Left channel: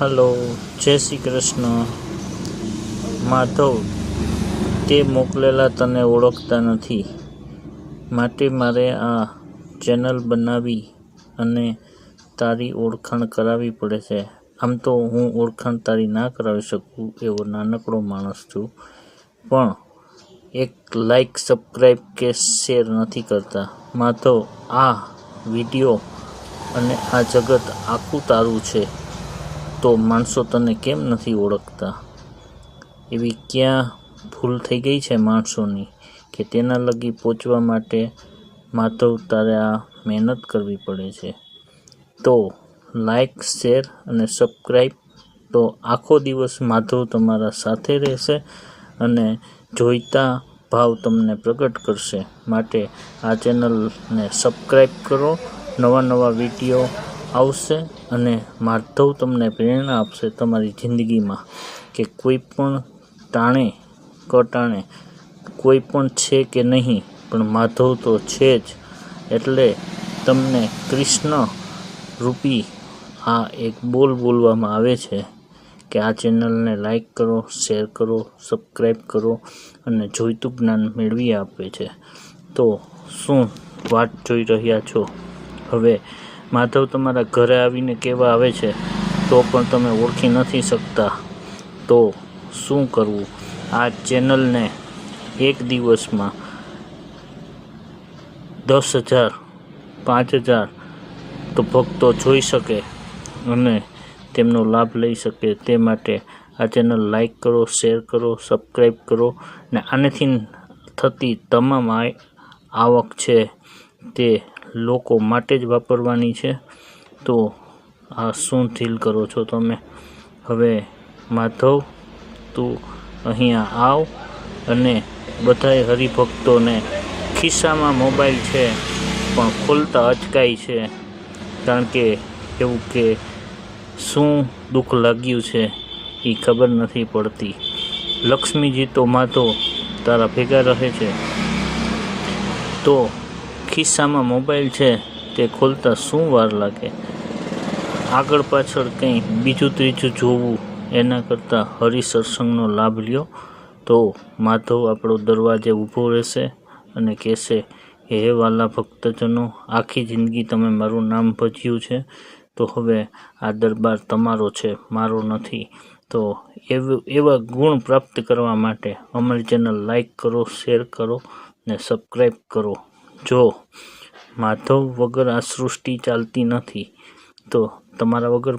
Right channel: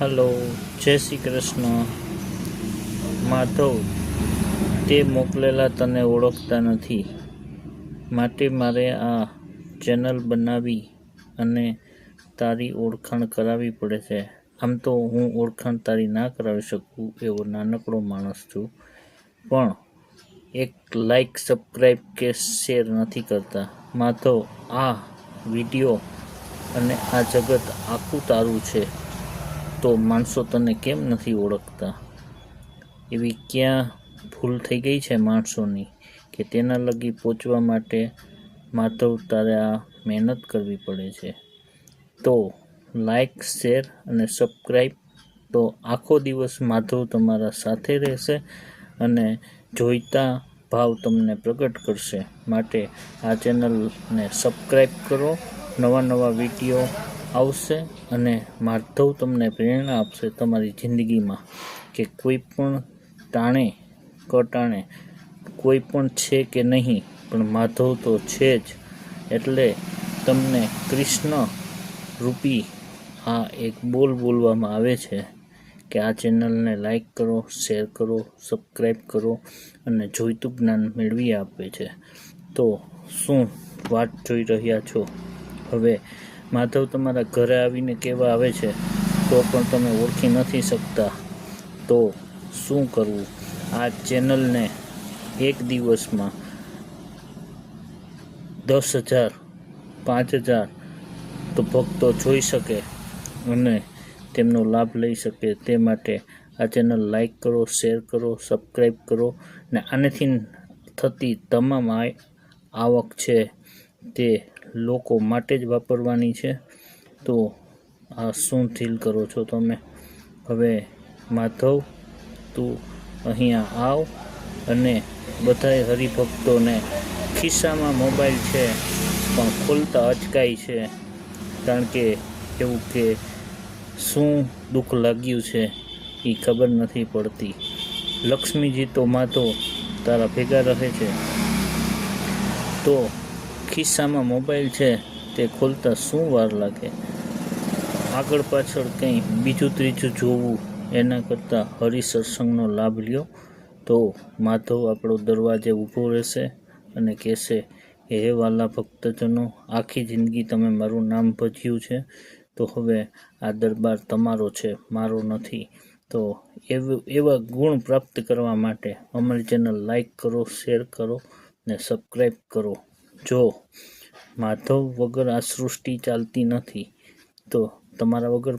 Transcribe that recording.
Hello, જય શ્રી કૃષ્ણ. માધવ, તે મોકલેલા તને ઓળખતા નથી, માટે મારે આ ચેનલ બનાવી અને તારી ઓળખાણ કરાવવી પડે છે. આમ તો હું ઓળખાણ તારી ના કરાવી શકું એવો નાનકડો માણસ છું, પણ એક લાઈક, સબસ્ક્રાઈબ કે શેર નથી કરતા. માધવ, આ વિડીયો અને આ જગત આખું તારું છે, તો માણસો તને કેમ નથી ઓળખતા? એવી ક્યાં ભૂલ થઈ ગઈ છે માણસોની કે તેના લગી પહોંચવા માટે માધવ તારે આ મહેનત કરવી પડે છે? તો લાઈક, શેર અને સબસ્ક્રાઈબ, તો આખો દિવસ માધવ તમારા સાથે રહેશે અને જોઈતા ભાવ તમને પ્રગટ કરશે. માટે આ ચેનલને સબસ્ક્રાઈબ કરો. નવા વિડીયો આવશે અને માધવ તમને પ્રેરણા આપશે તમારી જિંદગીમાં કે કોઈ પણ ટાણે કટાણે કોઈ પણ છે કે નહીં, પણ માધવ તો છે જ. એટલે તમને કૃષ્ણ રૂપી આ એક બોલવામાં આવે છે કે આ ચેનલને લાઈક કરો, શેર કરો, સબસ્ક્રાઈબ કરો અને જોઈતું જ્ઞાન મેળવી આપે છે. તો શું વાટ જોઈ રહ્યા છો? હવે માધવ તમારા ઘરે આવીને કહેવા આવે છે તો પણ તમે ઓળખી નથી શકતા, તો શું કરવું? આ ચેનલને એક દિવસમાં 10,000, 5,000 તો ભક્તો જોઈ શકે અને તેમનો લાભ લઈ શકે. તે માટે આ ચેનલ લાઈક કરો, શેર કરો, સબસ્ક્રાઈબ કરો ને આનેથી થતી તમામ આવક છે તે લોકો માટે જ વાપરવાની છે. તો આ શું ફીલ કરો છો તમે? હવે માધવ, તું અહીંયા આવ અને બધાય હરિભક્તોને ખિસ્સામાં મોબાઈલ છે પણ ખોલતા અચકાય છે, કારણ કે એવું કે શું દુઃખ લાગ્યું છે એ ખબર નથી પડતી. લક્ષ્મીજી તો માધવ તારા ભેગા રહે છે, તો ખિસ્સામાં મોબાઈલ છે તે ખોલતા શું વાર લાગે? આગળ પાછળ કંઈ બીજું ત્રીજું જોવું એના કરતાં હરિસત્સંગનો લાભ લ્યો. તો માધવ આપણો દરવાજે ઊભો રહેશે અને કહેશે કે હે વાલા ભક્તજનો, આખી જિંદગી તમે મારું નામ ભજ્યું છે, તો હવે આ દરબાર તમારો છે, મારો નથી. તો એવા ગુણ પ્રાપ્ત કરવા માટે અમારી ચેનલ લાઈક કરો, શેર કરો ને સબસ્ક્રાઈબ કરો. જો માધવ વગર આ સૃષ્ટિ ચાલતી નથી, તો તમારા વગર